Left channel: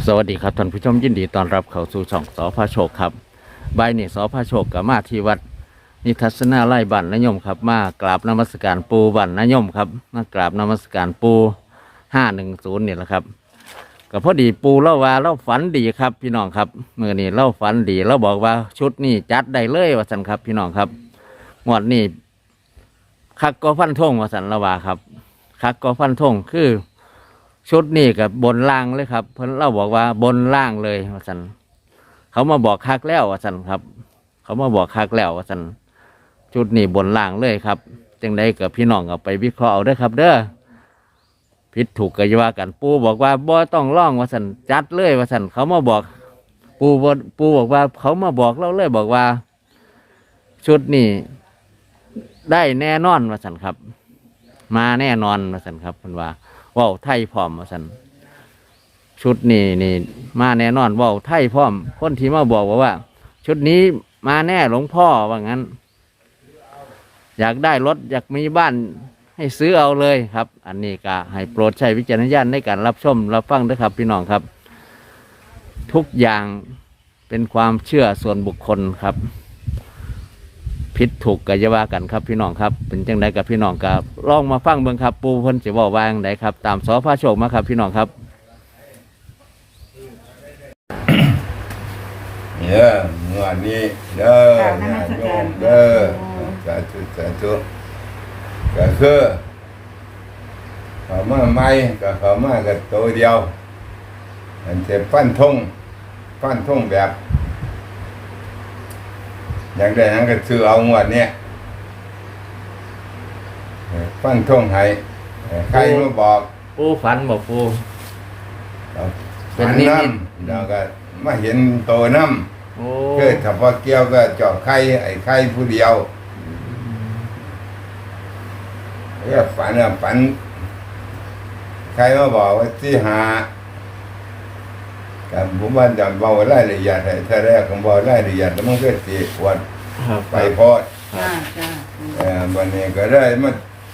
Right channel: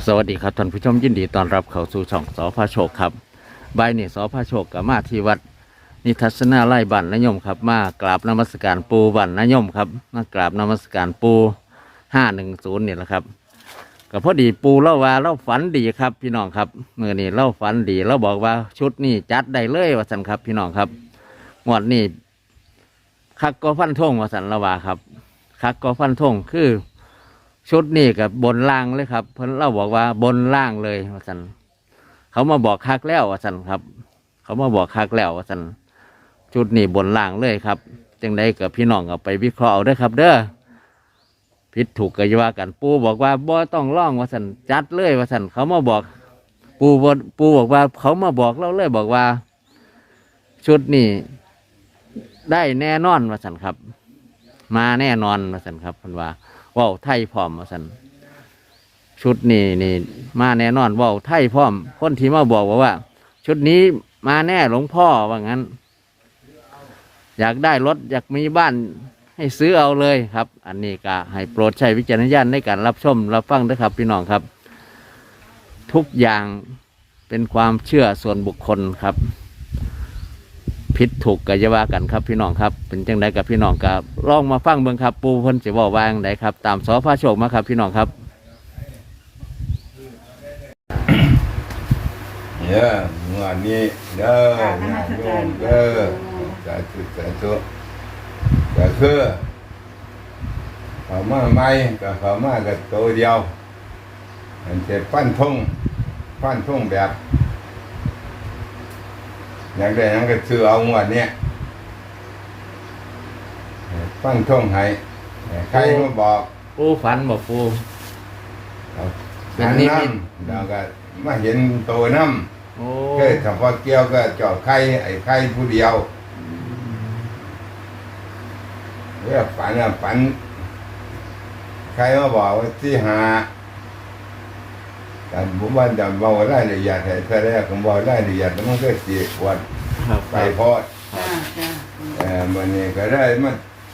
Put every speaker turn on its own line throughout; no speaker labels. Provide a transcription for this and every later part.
สวัสดีครับท่านผู้ชมยินดีต้อนรับเข้าสู่ช่องสพโชคครับบ่ายนี้สพโชคกับมาที่วัดนิทัศนาไร่บันนยมครับมากราบนมัสการปูบันนยมครับมากราบนมัสการปู510นี่แหละครับก็พอดีปูเล่าว่าเล่าฝันดีครับพี่น้องครับเมื่อนี้เล่าฝันดีเราบอกว่าชุดนี้จัดได้เลยว่าสันครับพี่น้องครับงวดนี้คักก็ฟันธงว่าสันละว่าครับคักก็ฟันธงคือชุดนี้กับบนล่างเลยครับเพิ่นเล่าบอกว่าบนล่างเลยว่าสันเขามาบอกคักแล้วว่าสันครับเขามาบอกคักแล้วว่าสันชุดนี้บนล่างเลยครับจังใดกับพี่น้องเอาไปวิเคราะห์เอาเด้อครับเด้อผิดถูกก็อย่าว่ากันปูบอกว่าบ่ต้องร้องว่าสันจัดเลยว่าสันเขามาบอกปูบอกว่าเขามาบอกเราเลยบอกว่าชุดนี้ได้แน่นอนว่าสันครับมาแน่นอนว่าสันครับเพิ่นว่าว่าวไทยพร้อมว่าสันชุดนี่มาแน่นอนว่าวไทยพร้อมคนที่มาบอกว่าชุดนี้มาแน่หลวงพ่อว่างั้นอยากได้รถอยากมีบ้านให้ซื้อเอาเลยครับอันนี้ก็ให้โปรดใช้วิจารณญาณในการรับชมรับฟังด้วยครับพี่น้องครับทุกอย่างเป็นความเชื่อส่วนบุคคลครับผิดถูกก็จะว่ากันครับพี่น้องครับเป็นจังไดกับพี่น้องกับลองมาฟังเบิ่งครับปูเพิ่นสิเว้าว่าจังไดครับตามสพโชคมาครับพี่น้องครับ
งวดนี้เด้องานโยมเด้อสาธุสาธุก็คือเขามาใหม่ก็เขามากับตัวเดียวมันจะฟันธงแบบอย่างใดนั้นก็ซื้อเอางวดเนี้ยฟันธงให้ใครมาบอก
ปูฝันบอกปู
ฝันน้ำแล้วก็มาเห็นโตน้ำเกิดเฉพาะเกี่ยวก็เจาะไข่ไอ้ไข่ผู้เดียวฝันใครมาบอกว่าที่หาการผมว่าจะบอกรายละเอียดให้ถ้าแรกผมบอกรายละเอียดแล้วมันก็ตีขวดไปพอดวันนี้ก็ได้มา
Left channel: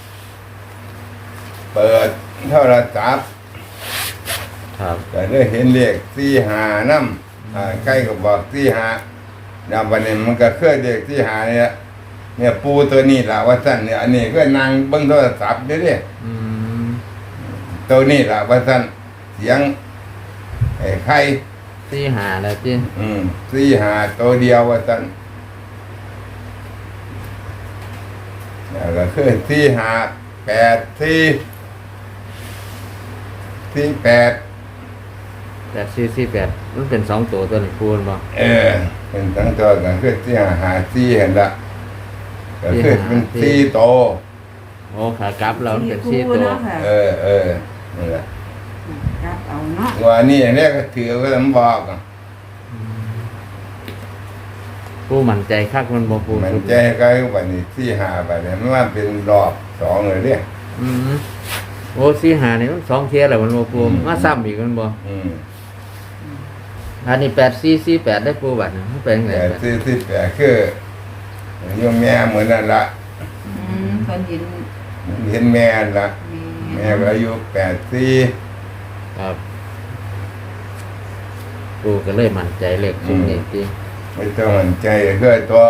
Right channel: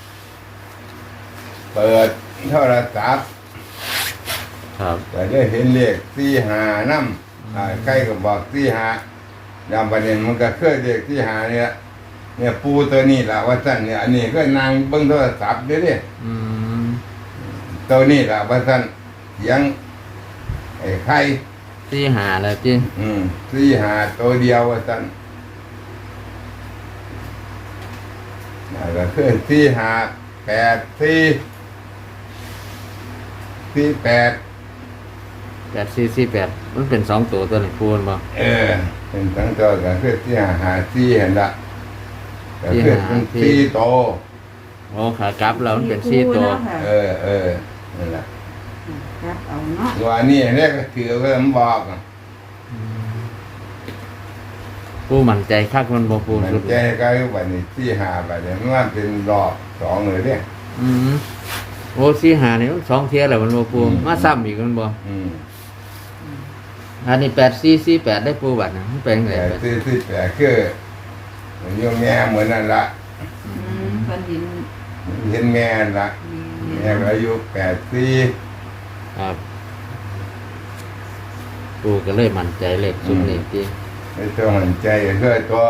เปิดโทรศัพท์ก็ได้เห็นเลขที่หาน้ำใกล้ก็บอกที่หาวันนี้มันก็เคลื่อนเลขที่หาเนี่ยปูตัวนี้แหละว่าสั้นเนี่ยอันนี้ก็นั่งเบิ้งโทรศัพท์ด้วยตัวนี้แหละว่าสั้นเสียงไอ้ไข่
ที่หาแล้วจี
ที่หาตัวเดียวว่าสั้นก็คือที่หา8ที่8
8มันเป็น2ตัวนี้ปูนบ่
เป็นทั้งตัวก็คือที่หาที่เห็นละก็คือเป็นที่โต
โอ้ขากลับแล้วมันเป็น4ตัว
นั่นแหละกลับเอาเนาะว่านี่อันนี้ก็ถือไว้มันบอก
ปูมั่นใจคักมันบ่ปู
มั่นใจก็วันนี้ที่หาไปเนี่ยมันเป็นดอก2เลยเนี่ย
โอ้ที่หาเนี่ยมัน2เที่ยแล้วมันบ่ปูมาซ้ำอีกมันบ่อันนี้8448ได้ปูบัดนะมันเป็นไง
8448คือยังแม่เหมือนนั่นละ
เพิ่น
เห็นแม่ละแม่ก็อายุ84
ครับปูก็เลยมั่นใจเลขตรงนี้ติ
ไม่ต้องมั่นใจคือตัว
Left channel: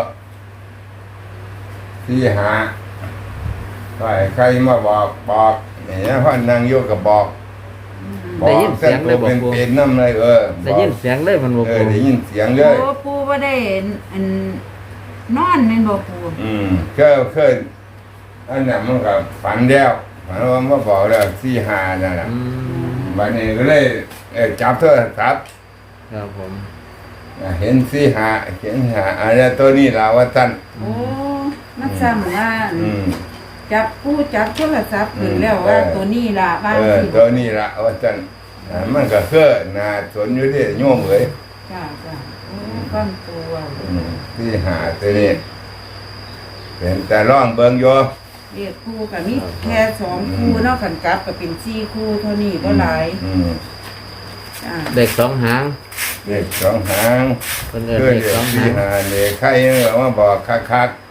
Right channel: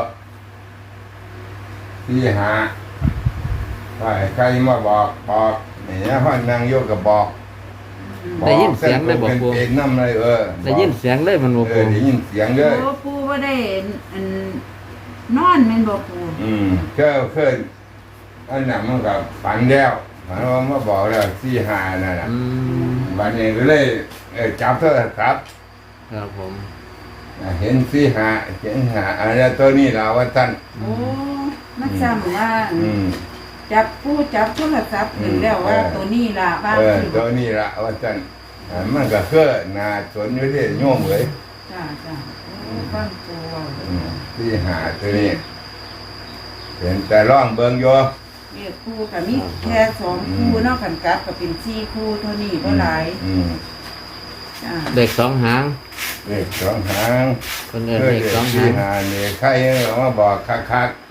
ที่หาใครมาบอกเนี่ยพ่อนั่งโยกกับบอก
ได้ยินเสียงเลยบอกปู
เป็นน้ำเลย
ได้ยินเสียงเลยมันบอกปู
ได้ยินเสียงเลย
ปูว่าได้นอนมันบอกปู
ก็เคยอันนั้นมันกับฝันแล้วฝันว่ามาบอกแล้วที่หานั่นแหละวันนี้ก็เลยจับโทรศัพท์
ครับผม
เห็นที่หาอะไรตัวนี้เราว่าท่าน
โอ้มันจำว่าจับโทรศัพท์ขึ้นแล้วว่าตัวนี้ละว่า
ตัวนี้ละว่าท่านมันก็เพื่อนาสนอยู่ที่โยมเลย
ตั้งตัว
ที่หาตัวนี้เป็นแต่ร่องเบิ่งโย
เรียกคู่กับมีแค่2คู่เนาะขันกลับกับเป็น4คู่เท่านี้ก็หลาย
เด็ก2หาง
เด็ก2หาง
คนเด็ก2หาง
เนี่ยใครมาบอกคัก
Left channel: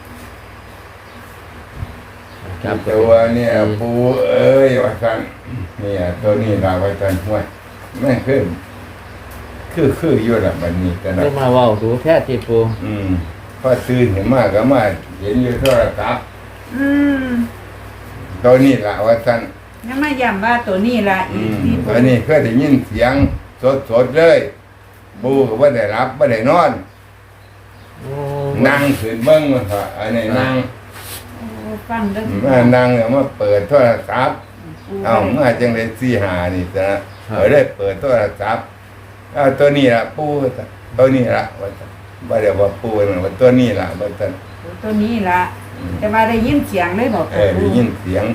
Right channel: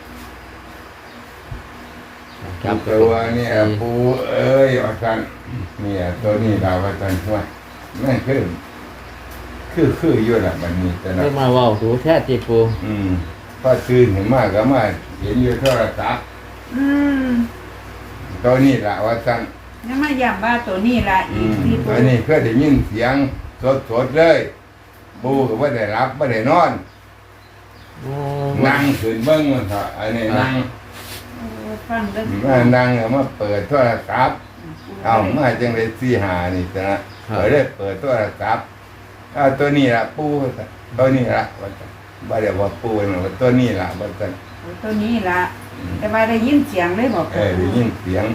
ตัวเนี่ยปูว่าท่านเนี่ยตัวนี้เราว่าจันทร์ว่าแม่งคืออยู่ละบัดนี้แต่ละ
เมื่อมาเว้าดูแท้ที่ปู
พอตื่นเห็นมากก็มาเห็นอยู่โทรศัพท์
อืม
ตัวนี้ละว่าจัน
ยังมาย้ำว่าตัวนี้ละอีกที่ปู
อันนี้ก็ได้ยินเสียงสดเลยปูก็ว่าได้รับไม่ได้นอน
โอ้
นั่งขึ้นเบิ้งมันค่ะอันนี้นั่ง
โอ้ฟังเด้อ
มานั่งแล้วมาเปิดโทรศัพท์เอามาจังได้สี่หานี่จ้ะเปิดได้เปิดโทรศัพท์เอาตัวนี้ละปูตัวนี้ละว่าจันบ่ได้ว่าปูนะว่าตัวนี้ละว่าจัน
ตัวนี้ละแต่ว่าได้ยินเสียงเลยบอก
ได้ยินเสียง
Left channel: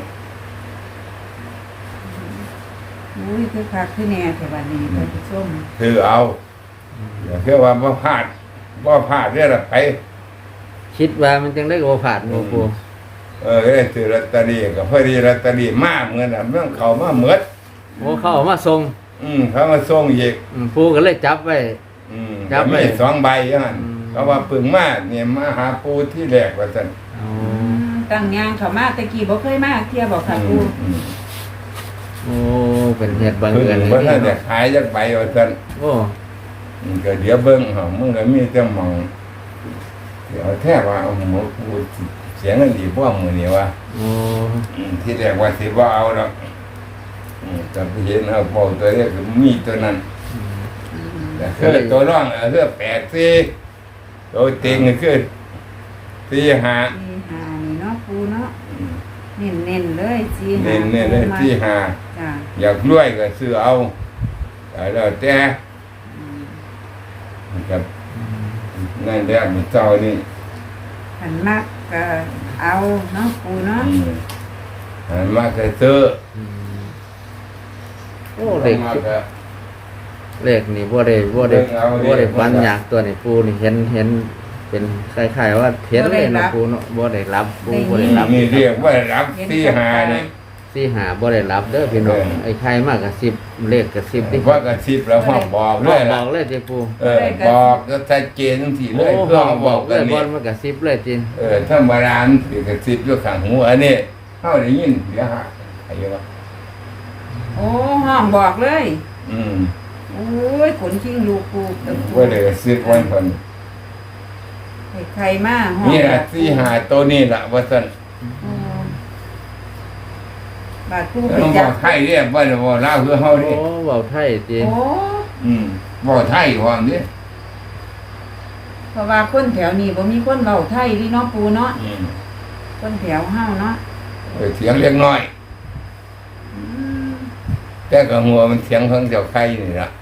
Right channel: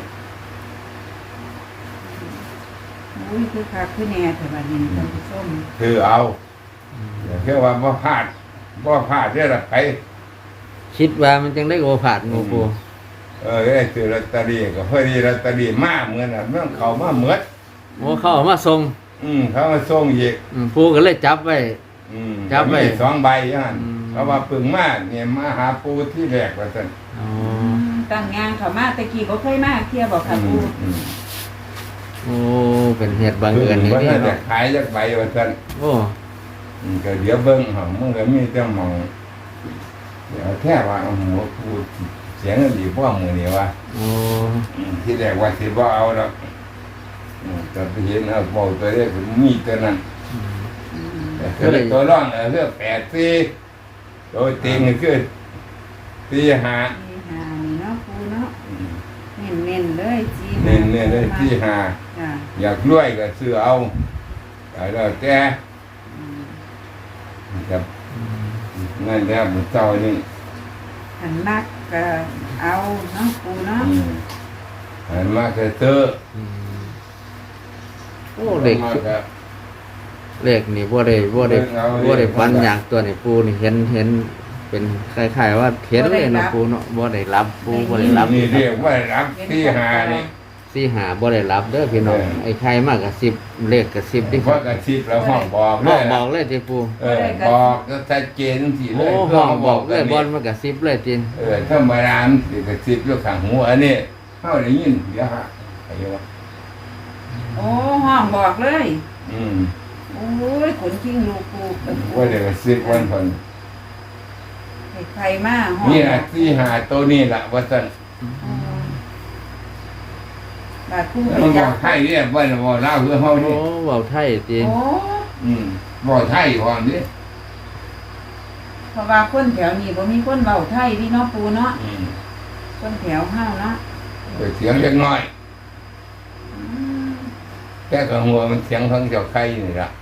อุ้ยคือคักคือแน่แต่บัดนี้ท่านผู้ชม
คือเอาอย่าเพื่อว่าบ่พลาดเรื่องไป
คิดว่ามันจังได้โอผาดงูปู
ได้ซื้อลอตเตอรี่กับพอดีลอตเตอรี่มากเงินอ่ะเรื่องเขามาเหมือด
โอ้เขาเอามาส่ง
เขามาส่งอีก
ปูก็เลยจับไว้ จับไว้
มีสองใบอย่างนั้น
อืม
เพราะว่าปึงมากเนี่ยมาหาปูที่แรกว่าซั่น
อ๋อ
ตั้งยางเขามาตะกี้บ่เคยมาเที่ยวบอกค่ะปู
โอ้เป็นเหตุบัง
คือ
เอิญนี่
ว่า
นี่
ถ้าจะ
เนาะ
ขายจักใบว่าซั่น
โอ้
ก็เดี๋ยวเบิ่งเขามึงก็มีแต่หมองเดี๋ยวแท้ว่าเอาหมูปูเสียงดีบ่มื้อนี้ว่า
โอ้
ที่แรกว่าสิบ่เอาแล้วก็ไปเห็นเอาเบาตัวนี้คือมีตัวนั้น แต่คือตัวร่องเลือก8-4ตัวเต็งคือ4-5
นี่หานี่เนาะปูเนาะเน้นๆเลยจี
เน้นเลย
จ้ะ
4-5อยากรวยก็ซื้อเอาแล้วแต่ครับนั่นแหละมันเจ้านี่
หันมักก็เอาเนาะปูเนาะ
หันมาจะซื้อ
อืมโอ้เด็ก
มาก็
เลขนี่บ่ได้ฟันอย่างตัวนี่ปูนี่เห็นเป็นคล้ายๆว่าเห็นเลยนะปูเนาะบ่ได้รับปูบ่ได้รับ
นี่เรียกว่ารับ4-5นี่
สี่หาบ่ได้รับเด้อพี่น้องไอ้ไทยมากกับ10เลขกับ10ดิ
เพราะกระซิบแล้วห้องบอก
ห้
เล
อง
ย
บอกเลยติปู
บอกก็ชัดเจนทีเล
โอ้
ย
ห้องบอกเลยบอลมากับ10เลยจิ
ถ้ามาร้านสิกระซิบอยู่ข้างหูอันนี้เข้าได้ยินเดี๋ยวฮะอะไรวะ
โอ้ห้องบอกเลย
อืม
โอ้ยขนชิงลูกปูกับปู
ว่าเลยซื้อวันคน
ใครมาห้อง
นี่แหละที่หาตัวนี้แหละว่าสัน
บาดปู
แล้ว
ไป
บ
จั
อบ กไทยเรียกว่าบอกเล่าคือเฮา
โอ้
ดิ
เว้าไทยจิ
โอ้
บอกไทยความดิ
เพราะว่าคนแถวนี้บ่มีคนเบาไทยพี่เนาะปูเนาะ
อืม
คนแถวห้าวเนาะ
เสียงเล็กน้อย
อืม
แต่ก็หัวมันเสียงของเจ้าไข่นี่ละ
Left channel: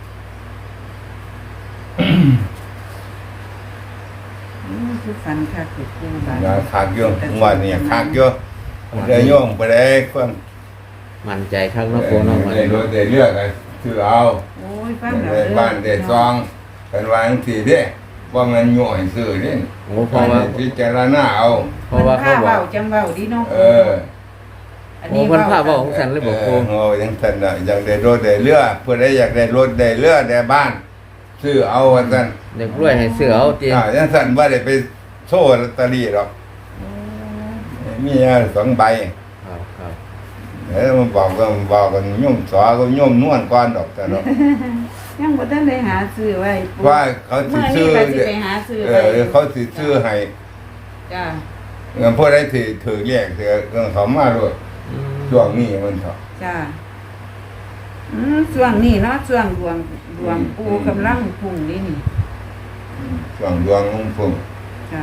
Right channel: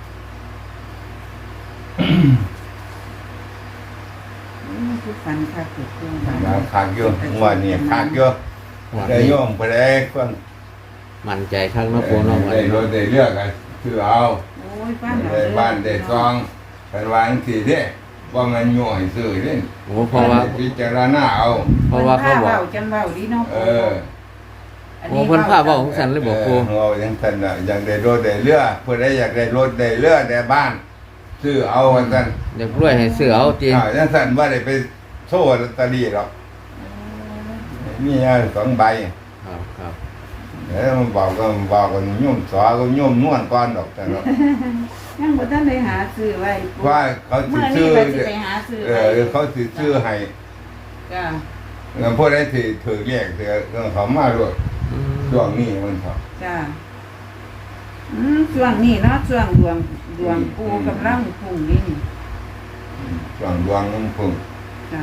คือฝันค่ะคือปูบาด
มาขากโยงหัวนี่ขากโยงได้โยงไปได้ความ
มั่นใจคักเนาะปูเนาะวัน
ได้
นี้
รถได้เลือกคือเอา
โอ้ยฟัง
ได้บ้านได้ซองกันวาจังทีเด้ว่ามันย่อยซื้อเด้
โอ้เพราะว่า
พิจารณาเอา
เพราะว่าเขาบอก
จังเบาดีเนาะ
เอ
ปู
อ
โอ้เพิ่นพาเว้าของฉันเลยบอกปู
โอ้ยังสันน่ะอยากได้รถได้เรือเพื่อได้อยากได้รถได้เรือได้บ้านซื้อเอาว่าซั่น
อยากรวยให้ซื้อเอาจิ
ยังสันว่าได้ไปโซ่ลอตเตอรี่หรอกมี2 ใบ
ครับ
แล้วมันบอกกันโยมสอก็โยมนวลก่อนดอกแต่เนาะ
ยังบ่ทันได้หาซื้อไว้ปู
ว่าเขาสิ
เมื่อนี้
ซื้อ
ก็สิไปหาซื้อไว้
เขาสิซื้อให้
จ้า
เงินพวกได้ถือแยกเถือเขามาด้วย
อืม
ช่วงนี้มันเขา
จ้าช่วงนี้เนาะช่วงดวงปูกำลังพุ่งนี่นี่
ช่วงดวงมันพุ่ง
จ้า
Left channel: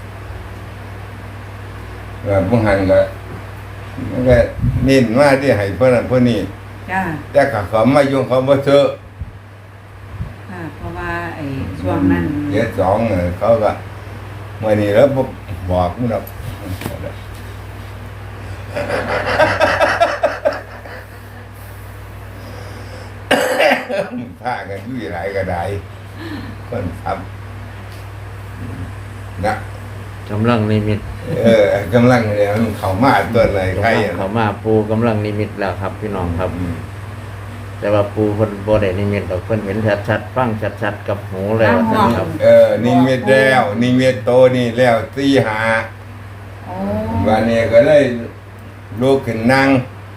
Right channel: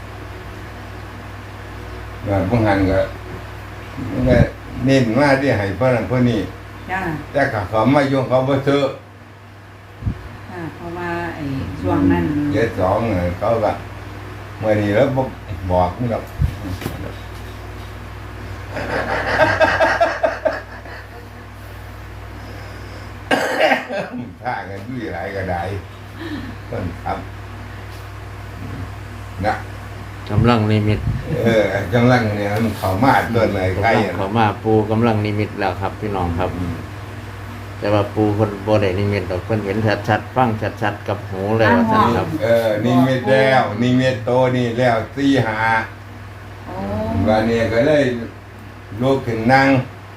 พุ่งหันก็มันก็เน้นมาที่ให้เพื่อนคนนี้
จ้า
แต่เขามายุ่งเขาบ่เถอะ
เพราะว่าไอ้ช่วงนั้น
เดี๋ยว2เขาก็เมื่อนี้แล้วบอกมันแล้วพากันด้วยหลายกระไดต้องทำนะ
กำลังนิมิต
กำลังเนี่ยมันเขามาเกิดอะไรใคร
กำลังเข้ามาปูกำลังนิมิตแล้วครับพี่น้องครับ แต่ว่าปูเพิ่นบ่ได้นิมิตดอกเพิ่นเห็นชัดๆฟังชัดๆกับหูเลยว่าซั่นครับ
นิมิตแล้วนิมิตโตนี่แล้ว4-5
โอ้
วันนี้ก็เลยลุกขึ้นนั่ง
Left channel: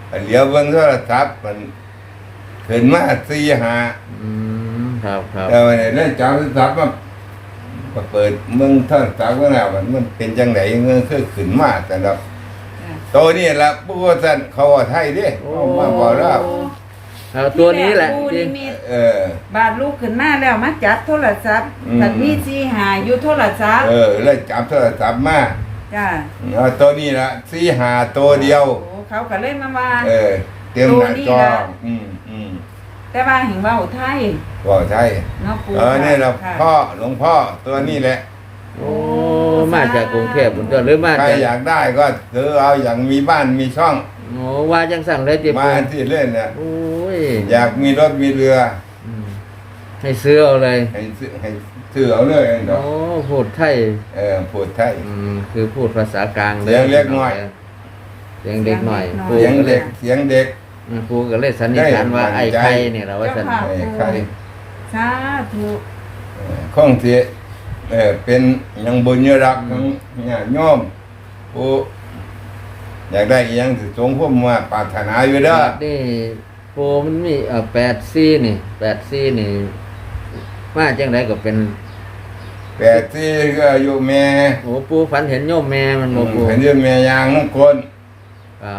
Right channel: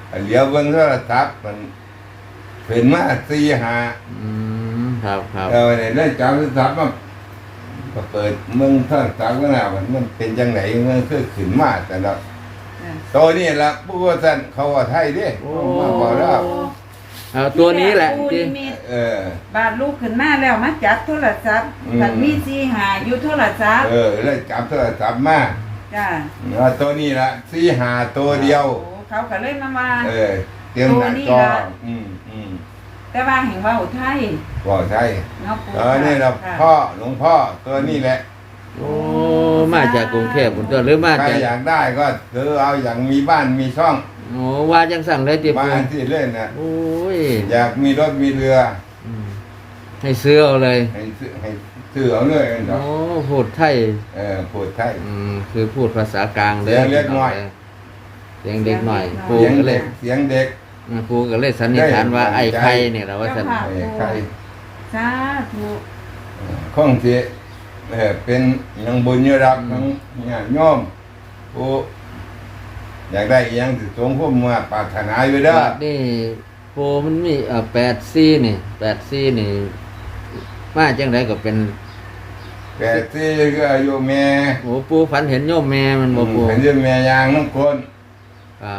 เหลียวเบิ่งโทรศัพท์มันขึ้นมา4-5
ครับครับ
ได้จับโทรศัพท์มาก็เปิดมึงโทรศัพท์ก็แล้วมันเป็นจังไดมันคือขึ้นมาแต่ละตัวนี้ล่ะผู้ว่าซั่นเขาว่าไทยเด้เขามาบอกแล้ว
เอาตัวนี้แหละ
ปู
จริ
นิ
ง
มิต
เ
บาดลูกขึ้นมาแล้วมาจับโทรศัพท์ถ้ามีสิหาอยู่โทรศัพท์
แล้วจับโทรศัพท์มา
จ้า
ตัวนี้ล่ะ4-5ตัวเดียว
โอ้เขาก็เล่นมา
เตรียมหน้าจอ
แต่ว่าเห็นว่าไทย
ก็ใช่
เนาะปู
นี่ล่ะ
ค่ะ
พ่อหลวงพ่อตัวนี้แหละ
โอ้มาจากกรุงเทพฯตัวหรือมา
ใคร
จาก
อยากได้ก็ซื้อเอาอย่างมีบ้านมีช่อง
โอ้ว่าจังสั่งเลยติ
มา
ปู
ที่เล่นเนี่ย
โอ้ย
อยากมีรถมีเรือ
ให้ซื้อเอาเลย
ให้ซื้อเอาเลยเนาะ
โอ้พูดไทย
พูดไทย
คือพูดภาษากลางเลย
เสียงเล็กน้อย
เสียงเด็กหน่อยปู
เสียง
ก็เล
เด็
ย
กเสียงเด็ก
ปูก็เลยสันนิษฐานว่า
ได้
ไอ้ไข่เนี่ยแหละว่าสัน
ใคร
สาธุ
ข้องเสียเป็นยังบุญยรักทั้งญาติโยมผู้อยากได้อหยังสิสงฆ์มาปรารถนาอยู่เด้อ
นี่ปูมันมี8-4นี่8-4นี่มาจังไดก็เป็น
แต่ที่ก็อายุแม่
โอ้ปูฝันเห็นโยมแม่มันบ่ปู
เห็นเรื่องแม่ยางน้ำคน
ครับ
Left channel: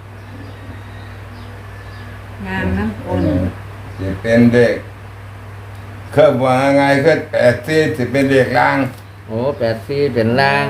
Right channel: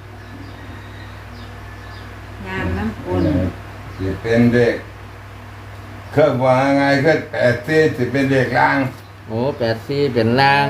งานน้ำอุ่น
สิเป็นเด็กเครื่องว่าไงเครื่อง80สิเป็นเด็กลาง
โอ้8-4เป็นล่าง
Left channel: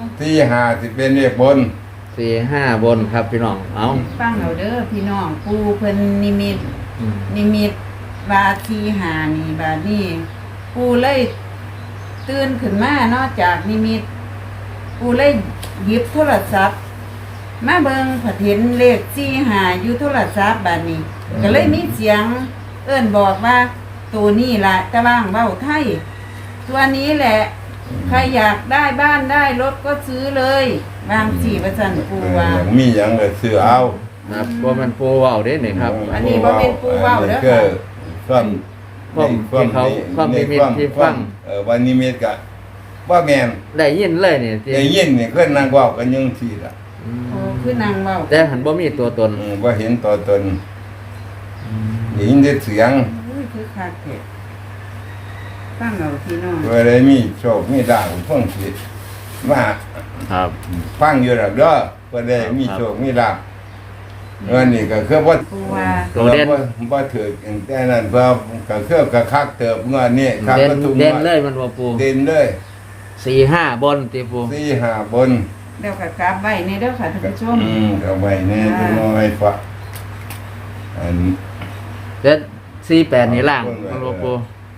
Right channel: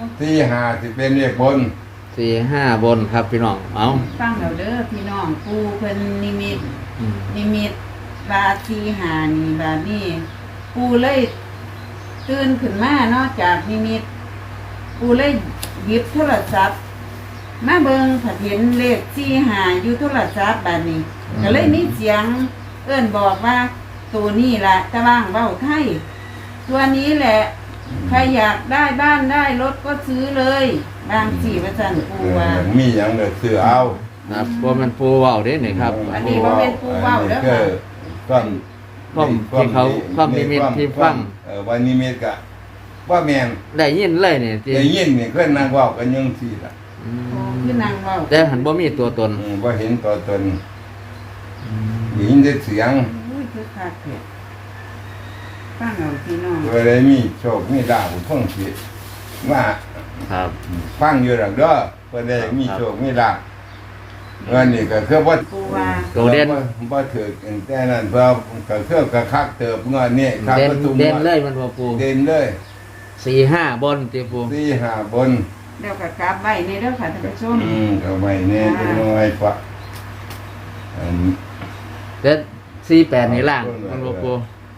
5สิเป็นเด็กบน
4-5บนครับพี่น้องเอา
ฟังเอาเด้อพี่น้องปูเพิ่นนิมิต
อืม
นิมิตบาทีหานี่บาดนี่ปูเลยตื่นขึ้นมาเนาะจากนิมิตปูเลยหยิบโทรศัพท์มาเบิ่งผัดเห็นเลขที่หาอยู่โทรศัพท์บาดนี้ก็เลยมีเสียงเอิ้นบอกว่าตัวนี้ล่ะจะบ้างเว้าไทยตัวนี้แหละ ใครอยากได้บ้านได้รถก็ซื้อเลยบางสี่ประจันปูว่า
มีอย่างก็ซื้อเอา
ครับเพราะมันปูเว้าเด้นี่ครับ
อันนี้บ่เป็นปูเว้าเด้อ
ก็
ค่ะ
ความ
ที่เขาความนิมิตที่ฟัง
วันนิมิตก็ว่าแม่น
ได้ยินเลยนี่จริ
ได้
ง
ยินนี่เพิ่นนั่งเว้ากันอยังซี่ล่ะ
อื
โอ้
ม
คือนางเว้า
แต่หันบ่มีตัวตน
บ่เห็นตัวตนได้ยินแต่เสียง
อุ้ยคือคักแท้ฟังเอาพี่น้อง
ก็เลยมีโชคมีดาวท่องสิมา
ครับ
ฟังอยู่แล้วเด้อก็ได้มีโชคมีลาภเงินนี่ก็คือว่า
ปูว่า
ตัวเด่น
บ่ถือแต่นั้นเพราะก็คือก็คักเติบเงินนี่คัก
เด่น
ประตู
เด่นเลยมันบ่ปู
เด่นเลย
4-5บนติปู
4-5บน
เดี๋ยวก็กราบไว้ในเด้อค่ะท่านผู้ชม
เอาไว้แน่จังน้อยปะอัน
แต่48นี่ล่างมันบ่ปู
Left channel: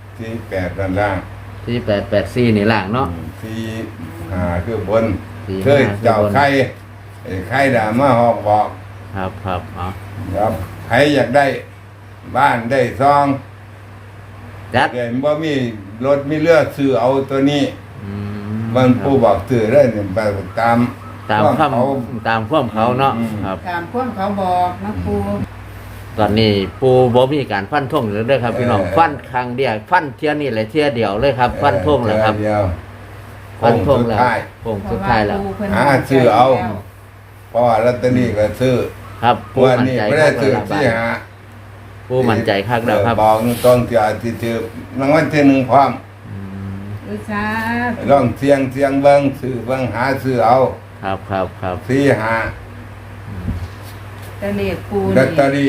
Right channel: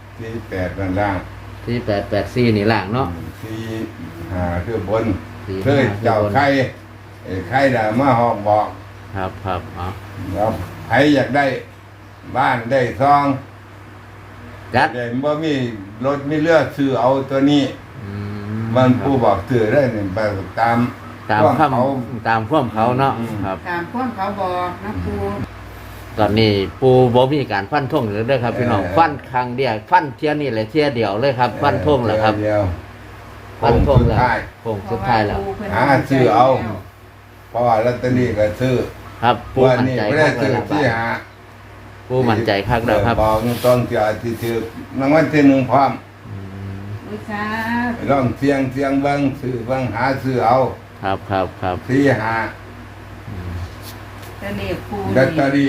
48นั่นล่ะ
4884นี่ล่างเนาะ
4-5คือบน
4-5
คือเจ้าไข่ไข่ด่ามาฮอกบอก
ครับครับเอา
ครับใครอยากได้บ้านได้ซอง
จัด
แต่บ่มีรถมีเรือซื้อเอาตัวนี้
อื
มันผู้บอกซื้อได้เนี่ยไปตาม
ตาม
เขา
ตามความเขาเนาะ
อืม
ครับ
ตามความเขาบอกนะปู
ตอนนี้ปูบ่มีการฟันธงเลยเด้อครับพี่น้องฟันครั้งเดียวฟันเที่ยนี่เลยเที่ยเดียวเลยครับฟันธงแล้วครับ
เดียว
ฟันธงแล้ว
สุดท้าย
โค้งสุดท้ายแล้ว
หาซื้อเอา เพราะว่าลอตเตอรี่ก็ซื้อ
ครับปูมั่นใจ
ไม่
คั
ได้
ก
ซื้อ
แล้วบา
ที่
ด
หา
ปูมั่นใจคักแล้วครับ
บอกต้องจะที่ถือรางวัลที่หนึ่งพร้อม
อืม
วิชา
ลองเสียงเบิ่งซื้อเบิ่งหาซื้อเอา
ครับครับครับ
ที่หา
แต่เลขปู
ลอตเตอรี่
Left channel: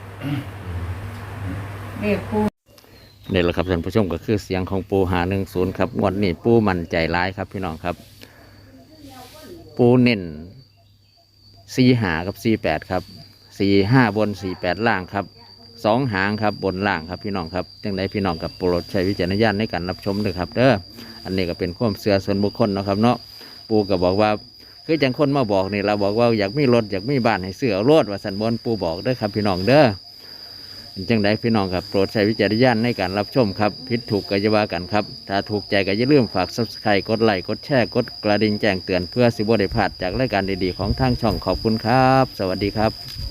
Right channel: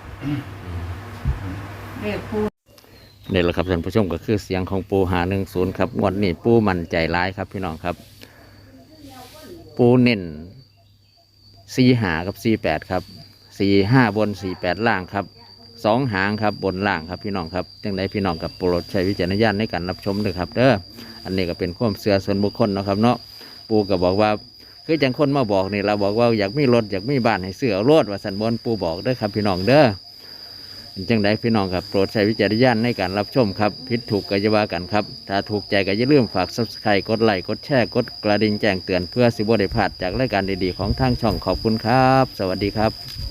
เลขปู
นี่แหละครับท่านผู้ชมก็คือเสียงของปู510ครับงวดนี้ปูมั่นใจร้ายครับพี่น้องครับ ปูเน้น4-5กับ48ครับ4-5บน48ล่างครับ2หางครับบนล่างครับพี่น้องครับจังไดพี่น้องกับโปรดใช้วิจารณญาณในการรับชมด้วยครับเด้ออันนี้ก็เป็นความเชื่อส่วนบุคคลเนาะครับเนาะปูก็บอกว่าคือจังคนมาบอกนี่เราบอกว่าอยากมีรถอยากมีบ้านให้ซื้อเอารถว่าสันบนปูบอกเด้อครับพี่น้องเด้อจังไดพี่น้องครับโปรดใช้วิจารณญาณในการรับชมครับผิดถูกก็อย่าว่ากันครับถ้าถูกใจก็อย่าลืมฝาก Subscribe กดไลค์กดแชร์กดกระดิ่งแจ้งเตือนเพื่อสิบ่ได้พลาดจากรายการดีๆของทางช่องขอบคุณครับ สวัสดีครับ